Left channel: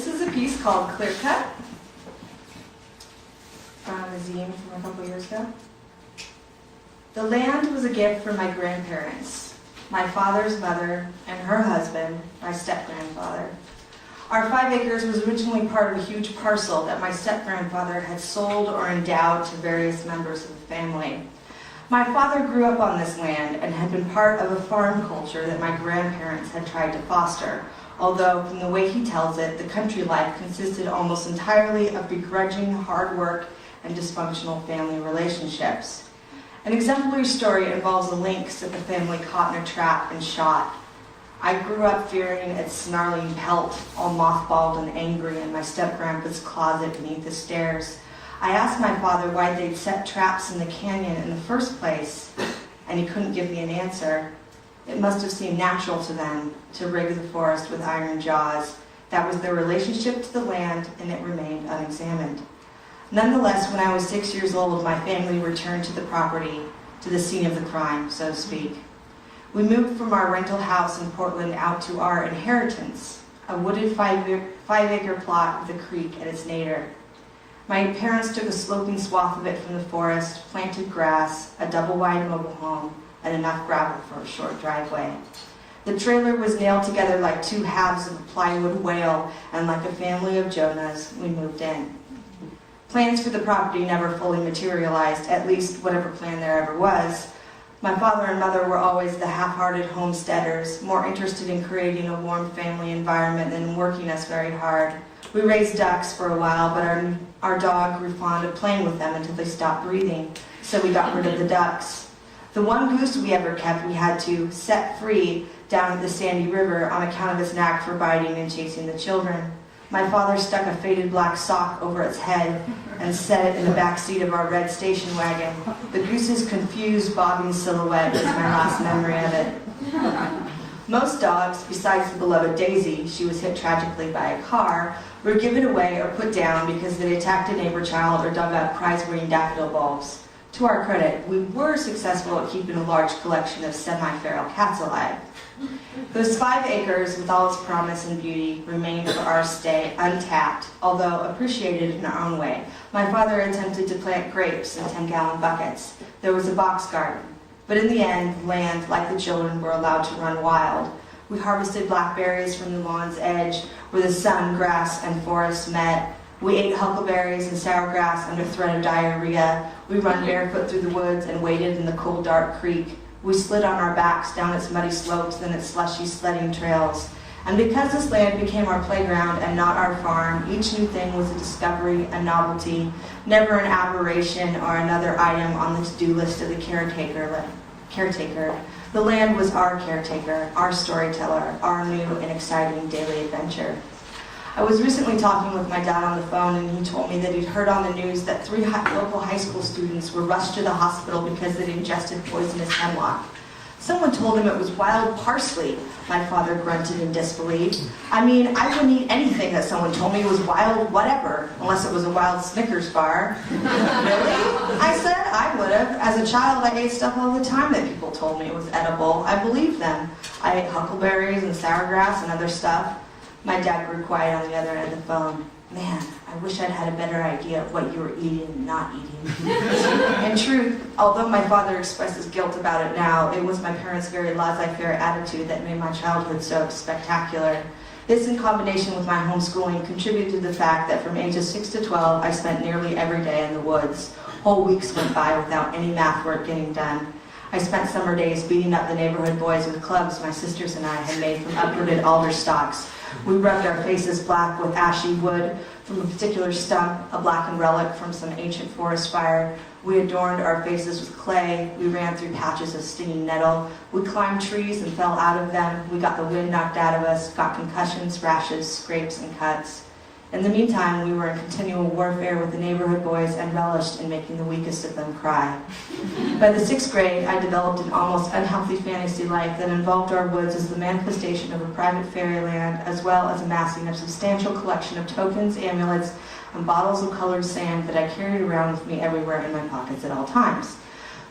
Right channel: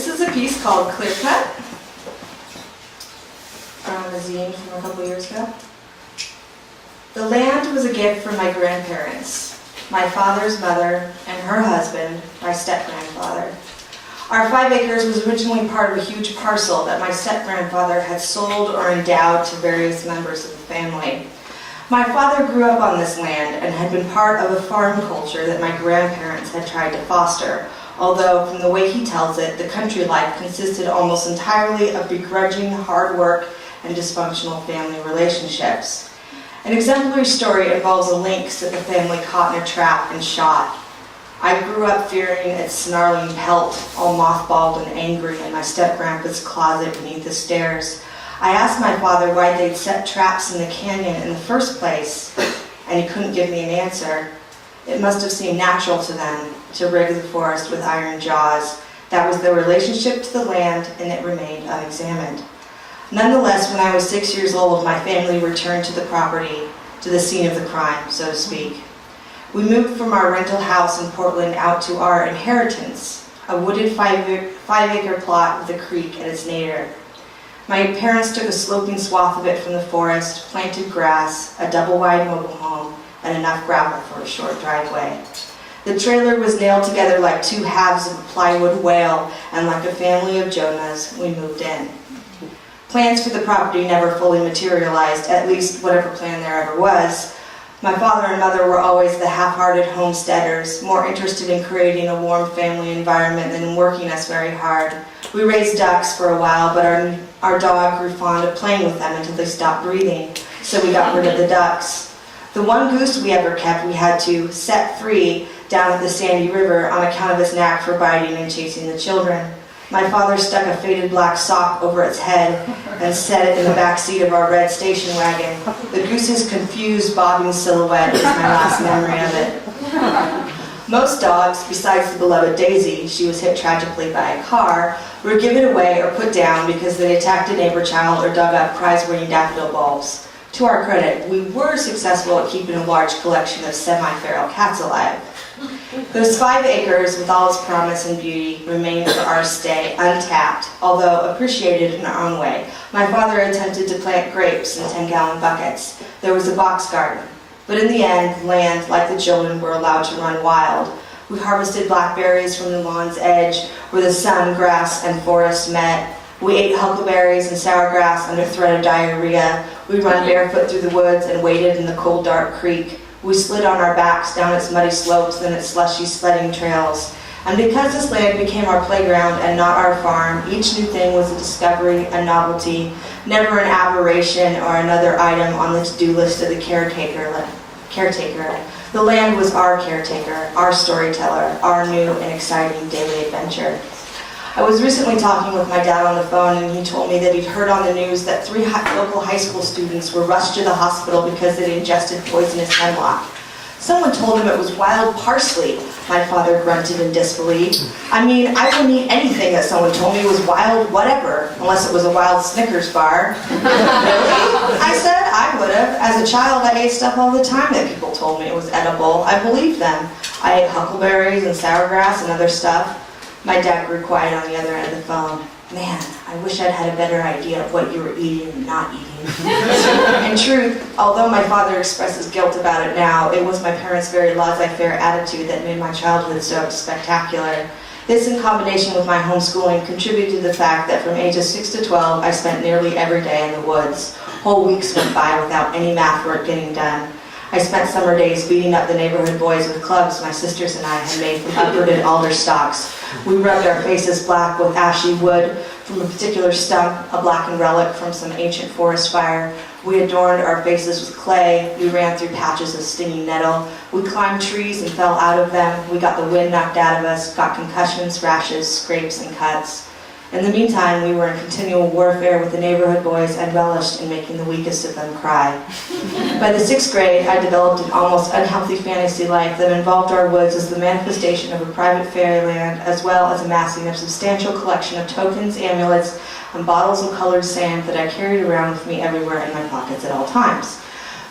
This is a piece called Clear Cut from a zine from a couple years ago. The land was a gift from my grandparents, my father's mother and her husband, my step-grandfather. Our 5 acres was originally part of a huge parcel that my step-grandfather had sold or endowed to various members of the family. My father grew up on this land and had been part of a farm culture that my grandparents had tried to foster, although from the way he tells it, the country life consisted almost entirely of begrudging hard work and dysfunctional family relationships. An exemplary story involves a lynx that the family caught in a trap and shot. I grew up fearing its snarling pelt, all mothballed and angry, in my step-grandpa's closet beneath the stairs. I asked my father why they'd set traps in the canyon in the first place, and he couldn't give me an answer. It must have seemed natural to them to rig the forest with iron jaws. That was their relationship to the land, and it remained unexamined. Nonetheless, when I was 6 years old, my family returned to the property, to the scene of the crime, so to speak. We moved from our rental house in Portland out to our inheritance, a wooded 5-acre plot with a creek at its nadir. My parents took a sloping swath of it from the forest, planted grass, a double-wide mobile home, and enough gravel for a short driveway. The trailer was nailed together like 2 halves of a plywood whale, and like a family of Jonahs, we moved in. Plans for the property never fully materialized, at least whatever plan there ever was. My father and mother were always the half-hearted homesteaders, more interested in creating a warm family environment than in working us very hard. We raised ducks for a while, but our dog grew fond of playing with them until they stopped breathing, so we got rid of the ducks. The one goose we ever kept we had to set free down at the Sandy River on account of its knack for biting and chasing the children. My father stuck a faded black sock over its head and set it in the back seat of our red station wagon. The goose's confused, bobbing silhouette is my last memory of it. Most dogs, besides the beloved Daisy, she was hit tragically by a car, were given away or put down because they attacked a neighbor child or dug up prize-winning daffodil bulbs. To our credit, we were successful at keeping a large collection of semi-feral cats alive. Those 5 acres, with all its promise and beauty, remained for our stay untapped, although appreciated in our own way. My father attempted to plant grapes in 10-gallon buckets. There was a box garden. But in the end, land, like the children, were allowed to run wild. We harvested blackberries from the lawn's edge, where the sun, grass, and forest met. We ate huckleberries and sour grass under threat of diarrhea. We ran barefoot through the woods and waded in the cold, dark creek. We slid on our backs down its muddy slopes and its slushy sledding trails. And because this land became our playground and not our farm, each new thing was a discovery, a novelty, never an aberration or another item on the to-do list of the caretaker. The land was our caretaker, our storyteller, our new and exciting daily adventure. I was recently talking with my dad on the phone, and he told me that he'd heard on the news that 3 local high school students were rushed to the hospital because they'd ingested poisonous hemlock. Someone told him it was wild parsley. My father grunted in disbelief. I mean, I wouldn't eat anything that someone told me was wild whatever, unless it was a wild Snickers bar. Really? I said I would have. As a child, I ate stuff all the time that people told me it was edible. I believed them. I ate huckleberries and sour grass and other stuff. My dad grew quiet on the other end of the phone. Man, I wish I'd had a better idea of what you were eating and not eating. In truth, although my father expresses guilt about it now, it was my parents' very laissez-faire attitude that made my childhood so spectacular. This, in combination with my homeschooling, contributed to the fact that from ages 6 to 12, I spent nearly every day in the woods. Whole weeks went by without any math work getting done. I spent summer days beating up the neighborhood boys with clubs my sisters and I had made from uprooted alder stalks. We rubbed our faces black with ashy wood from a particular stump, a blackened relic from some ancient forest fire. We adorned our faces with clay. We ran through patches of stinging nettle. We climbed trees and fell out of them. We got the wind knocked out of us, got concussions, rashes, scrapes, and cuts. In the meantime, we were in continual warfare with the neighborhood boys and relished in making the weakest of them cry. By the 6th grade, I developed an almost unhealthy fantasy life that involved our woods as the manifestation of a private fairyland, as well as amassing a substantial collection of tokens, amulets, and bottles of colored sand that I carried around with me everywhere in my pockets at all times.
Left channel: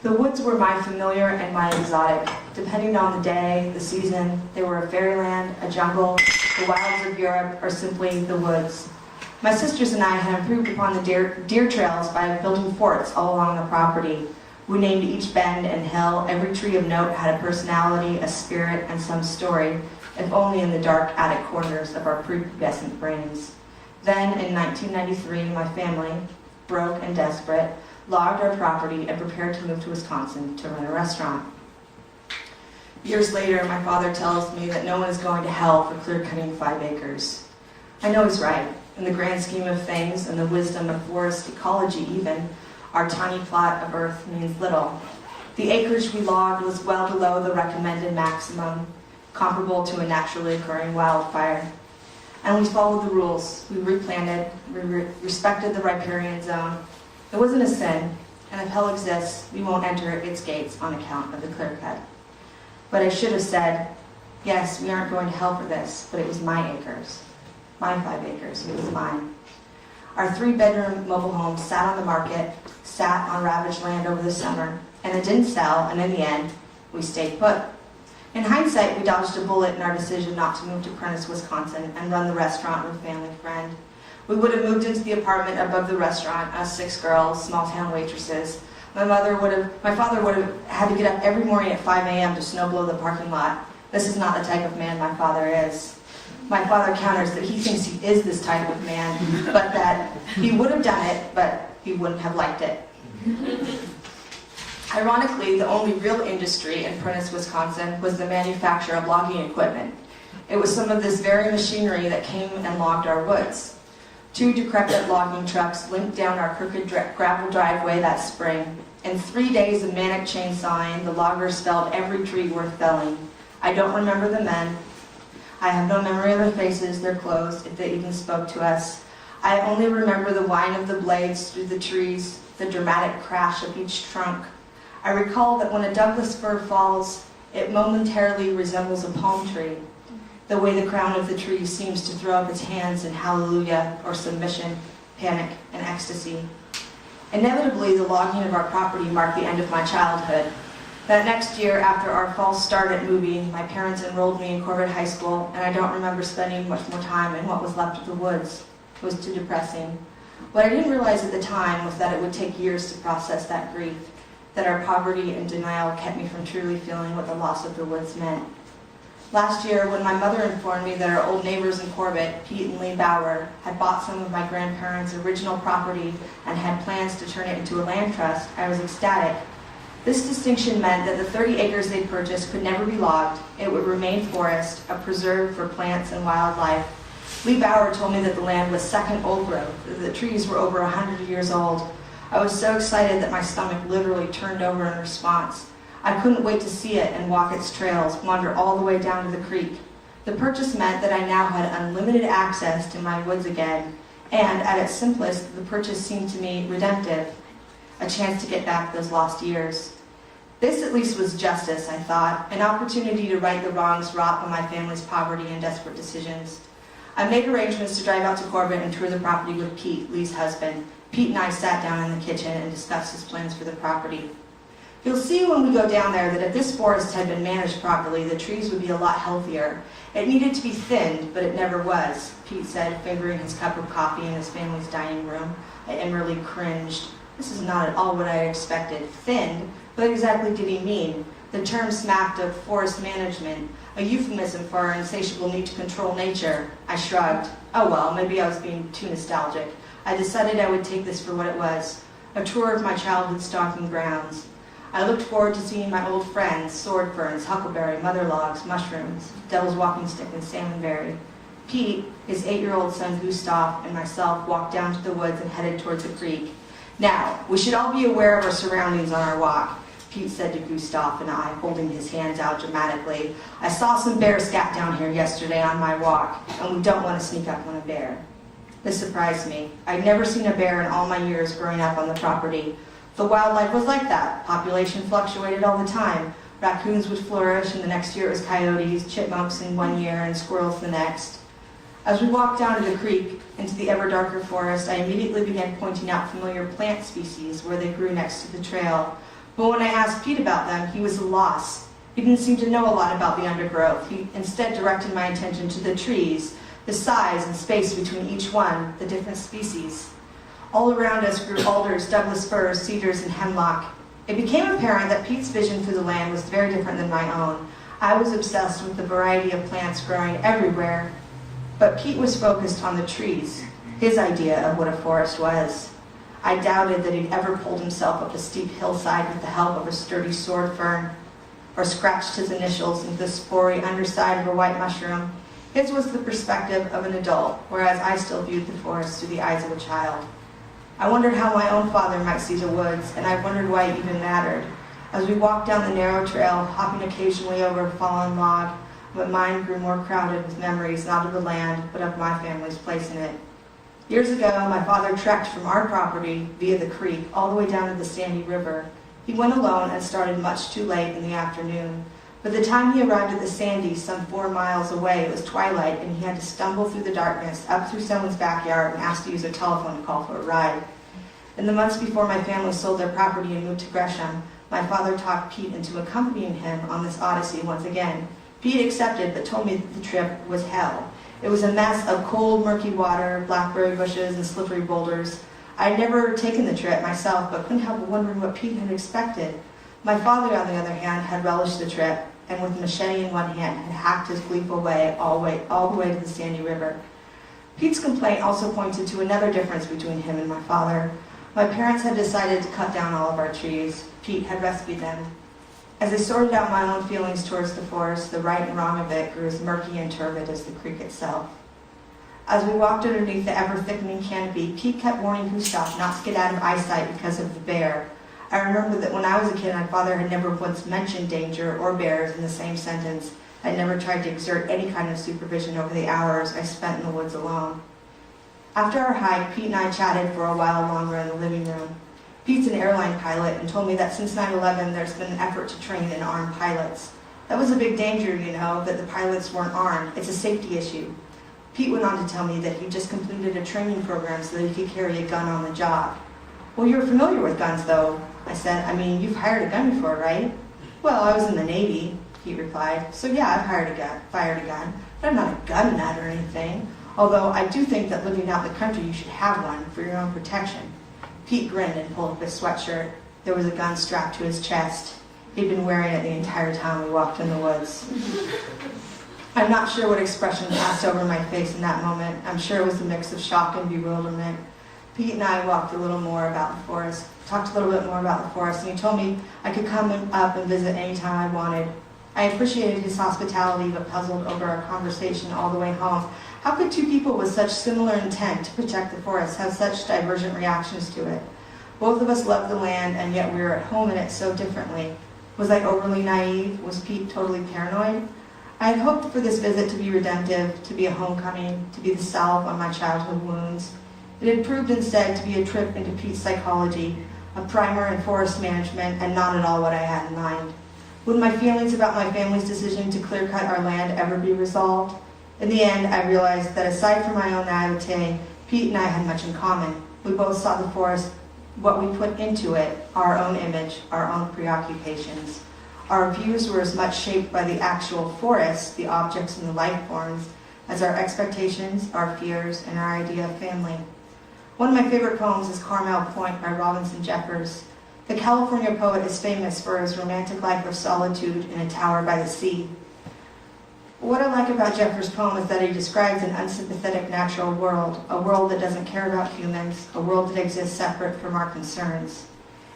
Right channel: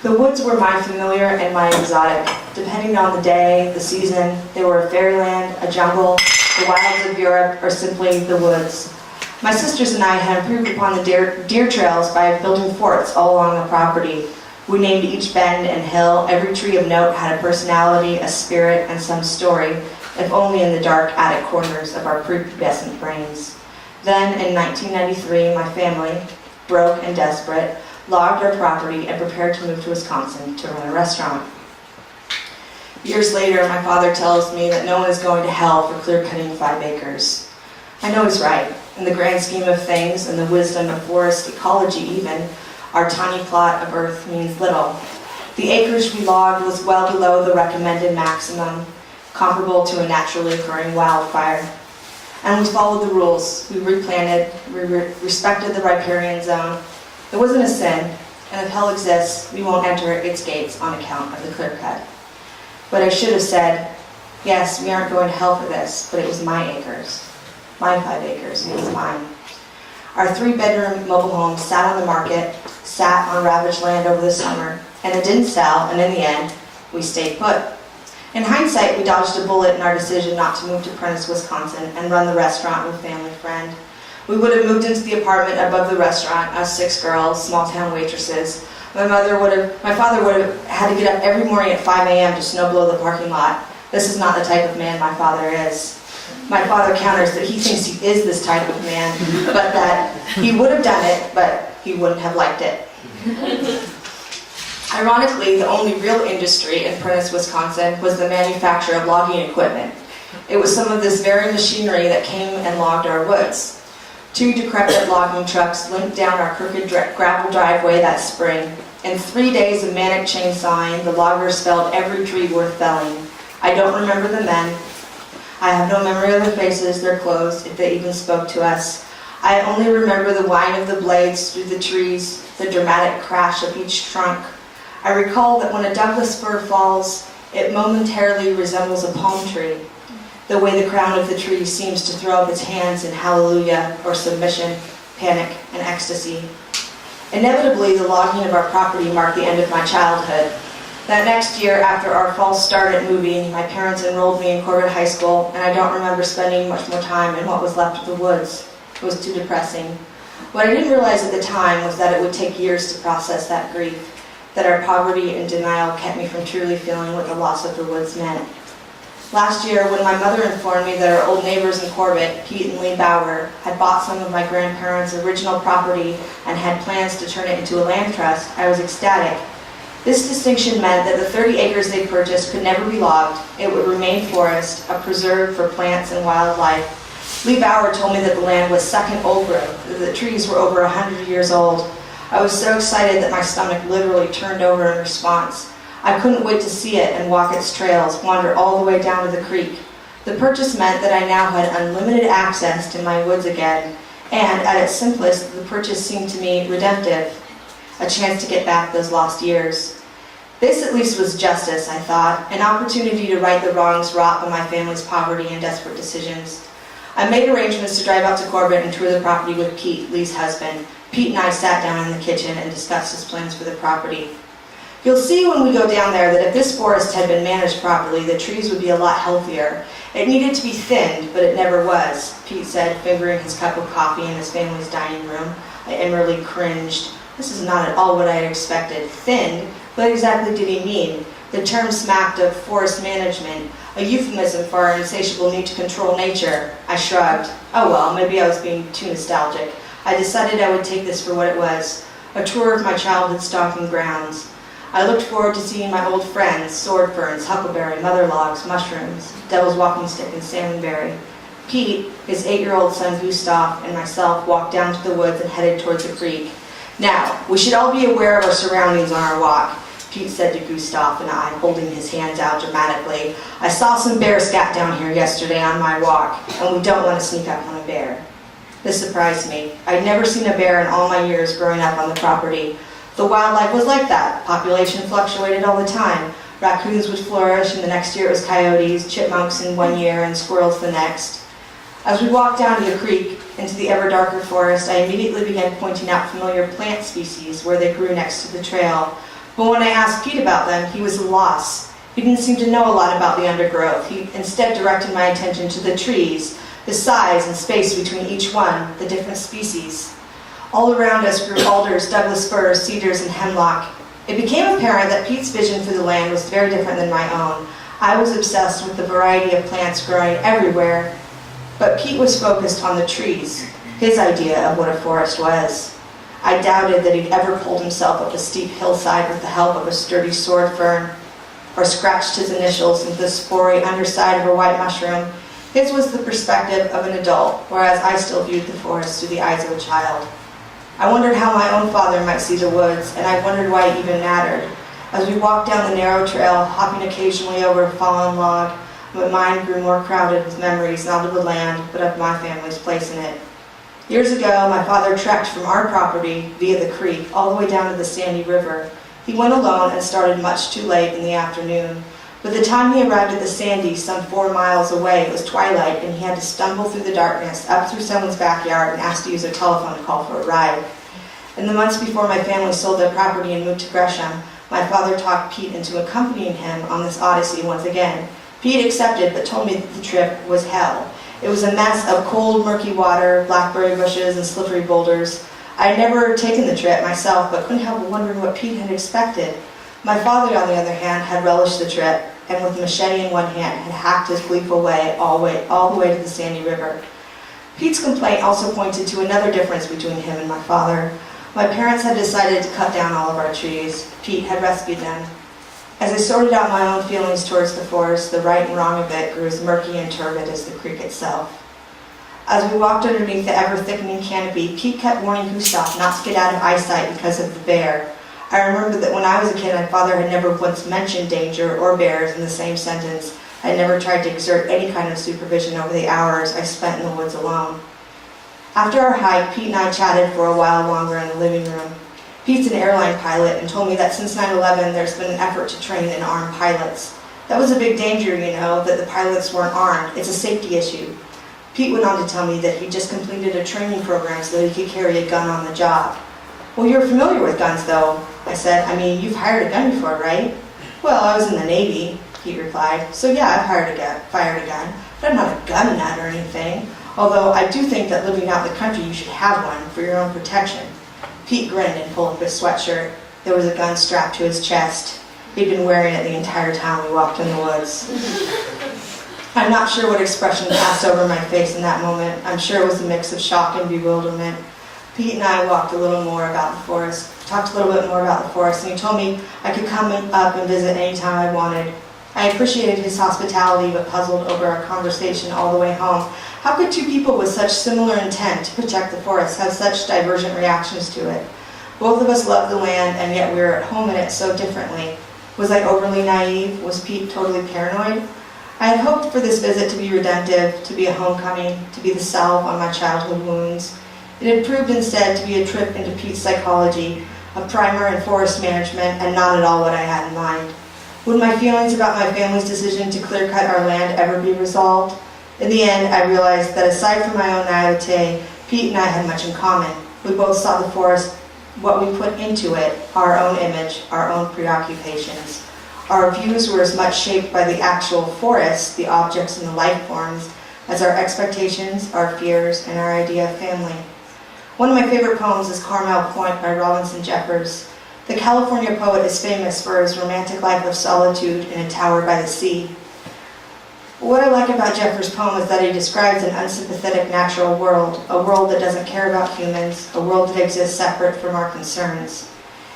The woods were my familiar and my exotic. Depending on the day, the season, they were a fairyland, a jungle, the wilds of Europe, or simply the woods. My sisters and I had improved upon the deer trails by building forts all along the property. We named each bend and hill. Every tree of note had a personality, a spirit, and some story, if only in the dark attic corners of our prepubescent brains. Then, in 1993, my family, broke and desperate, logged our property and prepared to move to Wisconsin to run a restaurant. Years later, my father tells me that no one is going to hell for clear-cutting 5 acres. I know he's right. In the grand scheme of things, and the wisdom of forest ecology even, our tiny plot of earth means little. The acreage we logged was well below the recommended maximum, comparable to a naturally occurring wildfire. And we followed the rules. We replanted, we respected the riparian zone. It wasn't a sin, and if hell exists, we won't enter its gates on account of the clear cut. But I should have said, yes, we aren't going to hell for this, but it was my acres. My 5 acres, it was mine. Our 3-bedroom mobile home sat on the market, sat on ravaged land over the summer, and it didn't sell, and in the end, we stayed put. In hindsight, we dodged a bullet in our decision not to move to Prentice, Wisconsin, and run the restaurant with a family friend. We would have moved into the apartment above the restaurant, us 6 girls, small-town waitresses. My father would have had to get up every morning at 5 a.m. to snowblow the parking lot. This is not the type of man my father is. My father counters that he thinks he is this type of man, but that he would have done it, but he wouldn't have liked it. Ironically, the only real industry in Prentice, Wisconsin was the manufacture of logging equipment. It was some of this very machinery that came and logged our woods. 2 decrepit logging trucks limped down our crooked gravel driveway that spring. In 3 days of manic chainsawing, the loggers felled every tree worth felling. I don't remember the men. I have no memory of their faces, their clothes, if they even spoke to us. I only remember the whine of the blades through the trees, the dramatic crash of each trunk. I recall that when a Douglas fir falls, it momentarily resembles a palm tree, the way the crown of the tree seems to throw up its hands in hallelujah or submission, panic, and ecstasy. Inevitably, the logging of our property marked the end of my childhood. That next year, after our false start at moving, my parents enrolled me in Corbett High School, and I don't remember spending much more time in what was left of the woods. It was too depressing. What I didn't realize at the time was that it would take years to process that grief, that our poverty and denial kept me from truly feeling what the loss of the woods meant. Last year, when my mother informed me that our old neighbors in Corbett, Pete and Lee Bauer, had bought some of my grandparents' original property and had plans to turn it into a land trust, I was ecstatic. This distinction meant that the 30 acres they purchased could never be logged. It would remain forest, a preserve for plants and wildlife. Lee Bauer told me that the land was second old growth, that the trees were over 100 years old. I was so excited that my stomach literally turned over in response. I couldn't wait to see it and walk its trails, wander all the way down to the creek. The purchase meant that I now had unlimited access to my woods again, and at its simplest, the purchase seemed to me redemptive, a chance to get back those lost years. This at least was justice, I thought, an opportunity to right the wrongs wrought by my family's poverty and desperate decisions. I made arrangements to drive out to Corbett and tour the property with Pete, Lee's husband. Pete and I sat down in the kitchen and discussed his plans for the property. You'll see when we go down there that if this forest had been managed properly, the trees would be a lot healthier. It needed to be thinned, but it never was, Pete said, fingering his cup of coffee in his family's dining room. I inwardly cringed. This is not at all what I had expected. Thinned? What exactly did he mean? The term smacked of forest management, a euphemism for our insatiable need to control nature. I shrugged. Oh well, maybe I was being too nostalgic. I decided I would take this for what it was, a tour of my childhood stomping grounds. I looked forward to seeing my old friends, sword ferns, huckleberry, mother logs, mushrooms, devil's walking stick, and salmonberry. Pete, his 8-year-old son Gustav, and myself walked down to the woods and headed towards the creek. Now, we should all be aware of our surroundings on our walk, Pete said to Gustav and I, holding his hands out dramatically. I saw some bear scat down here yesterday on my walk, and we don't want to sneak up on a bear. This surprised me. I'd never seen a bear in all my years growing up on the property. The wildlife was like that. Population fluctuated all the time. Raccoons would flourish, and the next year it was coyotes, chipmunks in one year, and squirrels the next. As we walked down to the creek, into the ever darker forest, I immediately began pointing out familiar plant species where they grew next to the trail. But when I asked Pete about them, he was at a loss. He didn't seem to know a lot about the undergrowth. He instead directed my attention to the trees, the size and space between each one, the different species. All around us grew alders, Douglas firs, cedars, and hemlock. It became apparent that Pete's vision for the land was very different than my own. I was obsessed with the variety of plants growing everywhere, but Pete was focused on the trees, his idea of what a forest was. I doubted that he'd ever pulled himself up a steep hillside with the help of a sturdy sword fern, or scratched his initials into the spory underside of a white mushroom. His was the perspective of an adult, whereas I still viewed the forest through the eyes of a child. I wondered how my own father might see the woods, and I wondered why it even mattered. As we walked down the narrow trail, hopping occasionally over a fallen log, my mind grew more crowded with memories not of the land, but of my family's place in it. Years ago, my father trekked from our property via the creek all the way down to the Sandy River. He went alone and started much too late in the afternoon. By the time he arrived at the Sandy, some 4 miles away, it was twilight, and he had to stumble through the darkness, up through someone's backyard, and ask to use their telephone to call for a ride. In the months before my family sold their property and moved to Gresham, my father talked Pete into accompanying him on this odyssey once again. Pete accepted, but told me that the trip was hell. It was a mess of cold, murky water, blackberry bushes, and slippery boulders. I had never taken the trip myself, but couldn't help wondering what Pete had expected. My father, on the other hand, had relished the trip, and with a machete in one hand, had hacked his gleeful way all the way to the Sandy River. Pete's complaint also pointed to another difference between him and my father. My parents had decided to cut down all of our trees. Pete had rescued them. As I sorted out my own feelings towards the forest, the right and wrong of it grew as murky and turbid as the creek itself. As we walked underneath the ever-thickening canopy, Pete kept warning Gustav not to get out of eyesight because of the bear. I remember that when I was a kid, my father had never once mentioned danger or bears in the same sentence. I had never tried to exert any kind of supervision over the hours I spent in the woods alone. After our hike, Pete and I chatted for a while longer in the living room. Pete's an airline pilot and told me that since 9/11 there's been an effort to train and arm pilots. That was a big danger, that the pilots weren't armed. It's a safety issue. Pete went on to tell me that he just completed a training program so that he could carry a gun on the job. Well, you're familiar with guns, though, I said. I mean, you've hired a gun before, right? Well, I was in the Navy, Pete replied. So yeah, I've fired a gun, but I'm not a gun nut or anything. Although I do think that living out in the country, you should have one for your own protection. Pete grinned and pulled up his sweatshirt. There was a gun strapped to his chest. He'd been wearing it the entire time we walked in the woods. I'm not sure what expression passed over my face in that moment. I'm sure it was a mix of shock and bewilderment. Pete and I talked a little bit more about the forest, and he told me I could come up and visit anytime I wanted. I appreciated his hospitality, but puzzled over our conversation all the way home. How could two people with such similar intent to protect the forest have such divergent reactions to it? Both of us loved the land, and yet we were at home in it so differently. Was I overly naive? Was Pete totally paranoid? I had hoped for this visit to be redemptive, to be a homecoming, to be the salve on my childhood wounds. It had proved instead to be a trip into Pete's psychology, a primer in forest management, and not at all what I had in mind. Would my feelings about my family's decision to clear-cut our land ever be resolved? In the end, I realized that aside from my own naivete, Pete and I had much in common. We both saw the forest, what we put into it, our own image, our own preoccupations. Our views were as much shaped by the actual forest, the objects and the life forms, as our expectations, our fears, and our idea of family. One of my favorite poems is Carmel Point by Robinson Jeffers. The California poet is famous for his romantic life of solitude in a tower by the sea. What I like about Jeffers' poem is that he describes an unsympathetic natural world, a world that doesn't care about humans, a world that exists separate from our concerns.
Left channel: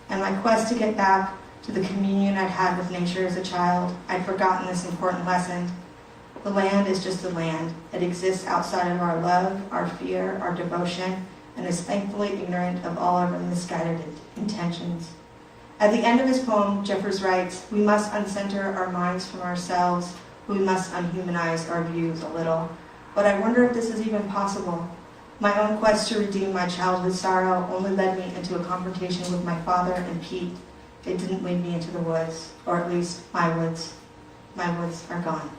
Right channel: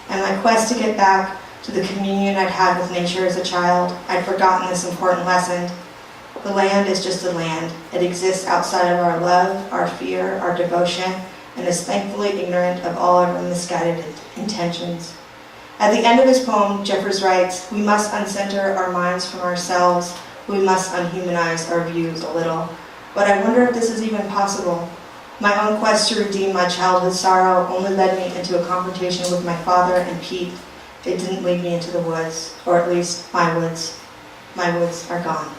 And my quest to get back to the communion I'd had with nature as a child, I'd forgotten this important lesson. The land is just a land. It exists outside of our love, our fear, our devotion, and is thankfully ignorant of all our misguided intentions. At the end of his poem, Jeffers writes, "We must uncenter our minds from ourselves. We must unhumanize our views a little." But I wonder if this is even possible. My own quest to redeem my childhood sorrow only led me into a confrontation with my father and Pete. It didn't lead me into the woods, or at least my woods. My woods are gone.